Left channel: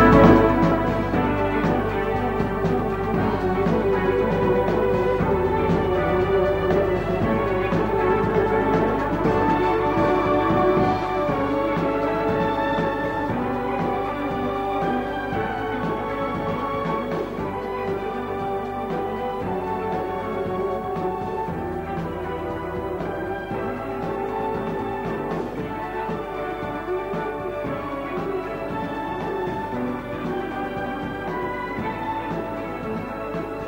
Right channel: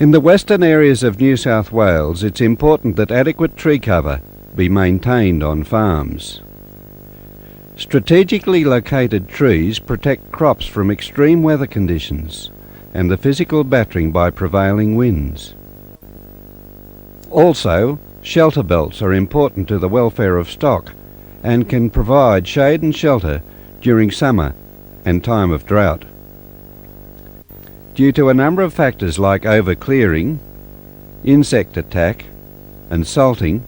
In the western areas of New South Wales, it's important that adequate tree cover be maintained on farms. Strategically located trees protect crops from extreme weather conditions and the physical battering by prevailing winds. Also, shelter belts are important to the welfare of stock and can provide shade and shelter during summer and time of drought. Due to a number of factors like overclearing, insect attack and salting,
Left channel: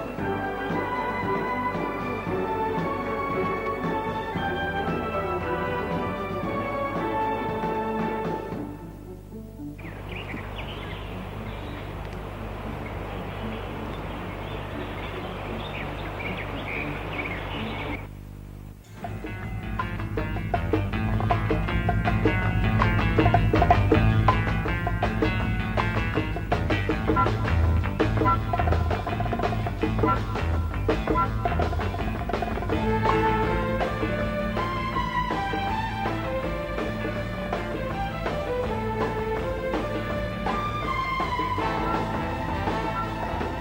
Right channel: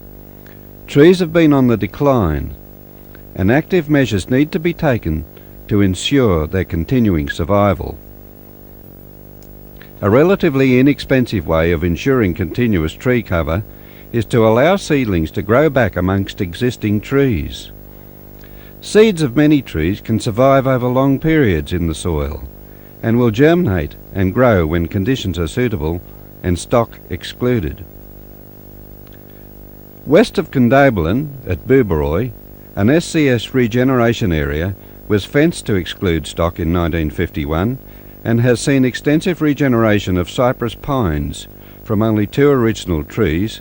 trees have been on the decline, and active measures need to be taken to ensure their continuing survival. A relatively inexpensive way of ensuring continuous tree cover is to allow seedlings to grow back amongst existing trees. Seeds of many trees can survive over long periods in the soil and will germinate and grow when conditions are suitable and stock excluded. West of Condobolin at Booberoy, an SCS regeneration area was fenced to exclude stock in 1951 and has seen extensive regeneration of cypress pines from only 2 original trees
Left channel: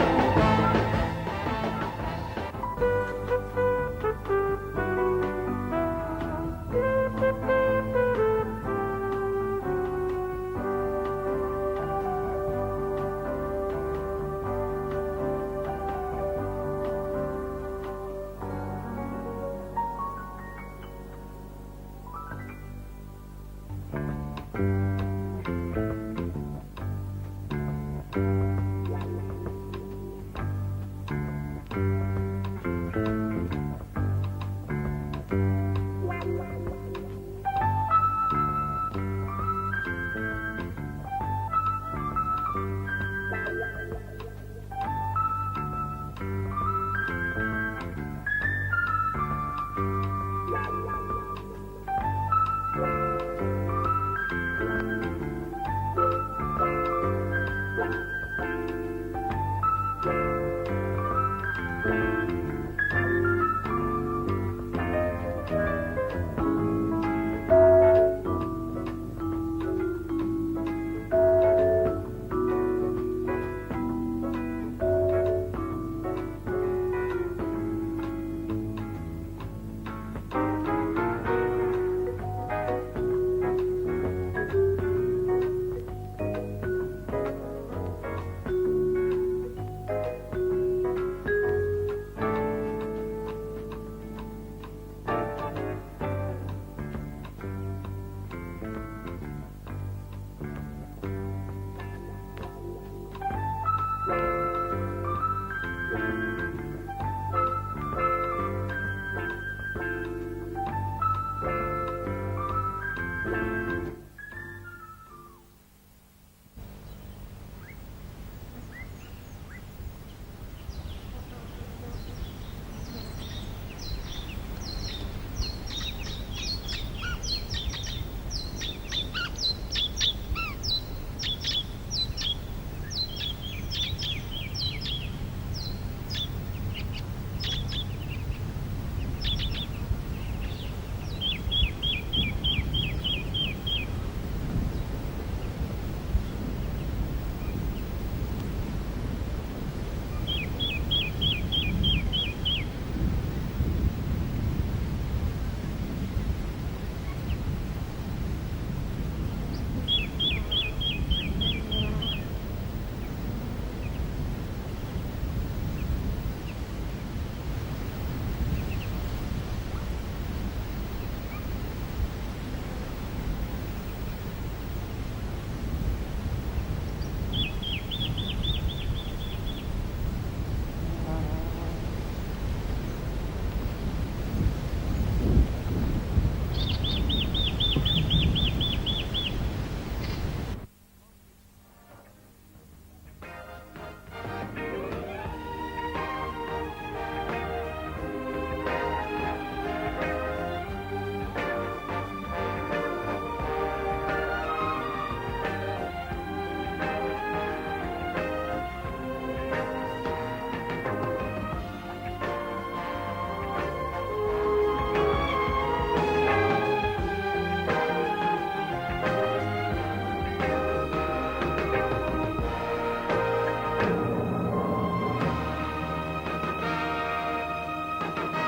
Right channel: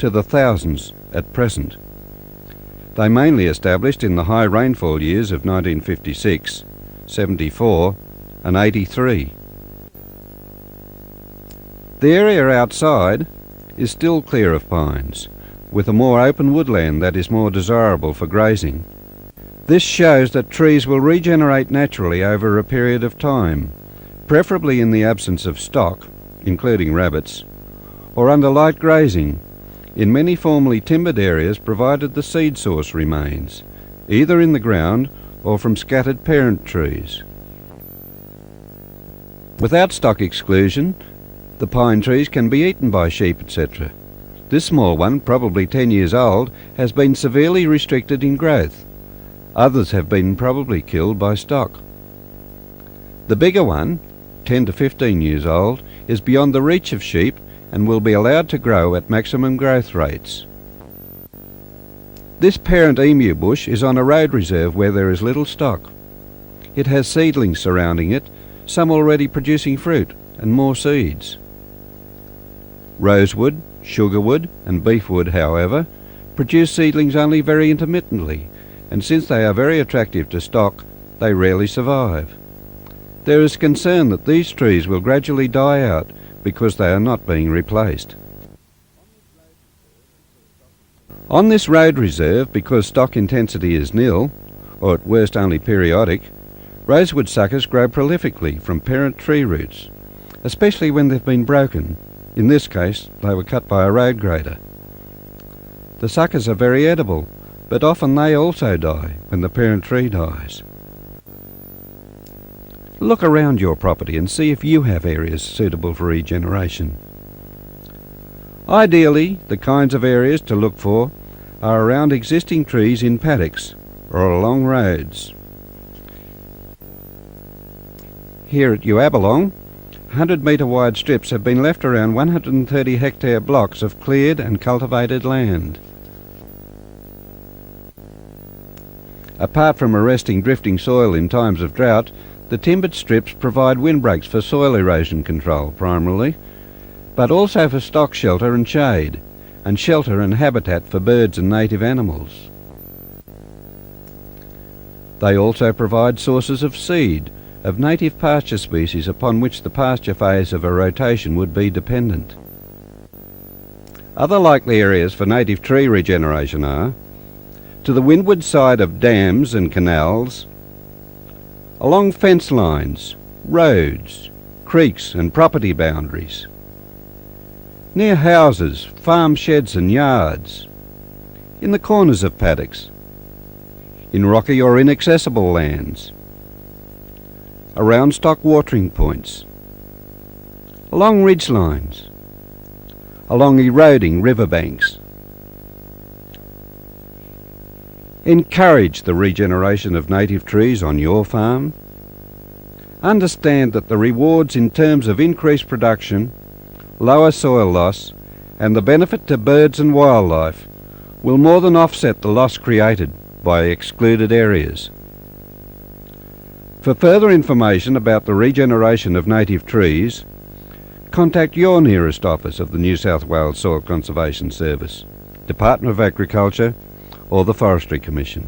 to the thousands at present. They mainly established in the high rainfall years of 1956, 74 and 83. The area outside is still clear of pines, with a more open woodland that is more desirable for grazing. This shows that trees will regenerate naturally over a period of time, preferably in the absence of stock, including rabbits, or under light grazing in many formerly timbered areas, provided the seed source remains, either in the ground or from scattered parent trees. Without stock exclusion, the pine trees can be eaten by sheep, etc. This small one, probably 10 years old, has been severely restricted in growth. Others have been probably killed by stock. The bigger one, 10 to 15 years old, is beyond the reach of sheep and will be allowed to grow at maximum growth rates. This parent emu bush is on a road reserve where there is little stock. It has seedlings surrounding it, some already producing fruit and more seeds. Rosewood, sugarwood and beefwood, however, produce seedlings only very intermittently, and since they are very attractive to stock, they rarely survive. There is concern that these trees will gradually die out because they are not being replaced. On this road reserve, because stock intensity is nil, or at worst only periodic, rosewood suckers grow prolifically from parent tree roots, especially when they've been broken. In this case, they were cut by a road grader. The suckers are very edible, but often they also die when the parent tree dies. Look around your property and see if you have areas suitable for regeneration. Ideally, the kinds of areas to look for are around existing trees in paddocks or along roads. Here at Uabalong, 100-metre wide strips have been left around 130 hectare blocks of cleared and cultivated land. Apart from arresting drifting soil in times of drought, the timbered strips provide windbreaks for soil erosion control primarily, but also for stock shelter and shade, and shelter and habitat for birds and native animals. They also provide sources of seed, of native pasture species upon which the pasture phase of a rotation would be dependent. Other likely areas for native tree regeneration are to the windward side of dams and canals, along fence lines, roads, creeks and property boundaries, near houses, farm sheds and yards, in the corners of paddocks, in rocky or inaccessible lands, around stock watering points, along ridge lines, along eroding riverbanks. Encourage the regeneration of native trees on your farm. Understand that the rewards in terms of increased production, lower soil loss and the benefit to birds and wildlife will more than offset the loss created by excluded areas. For further information about the regeneration of native trees, contact your nearest office of the New South Wales Soil Conservation Service, Department of Agriculture or the Forestry Commission.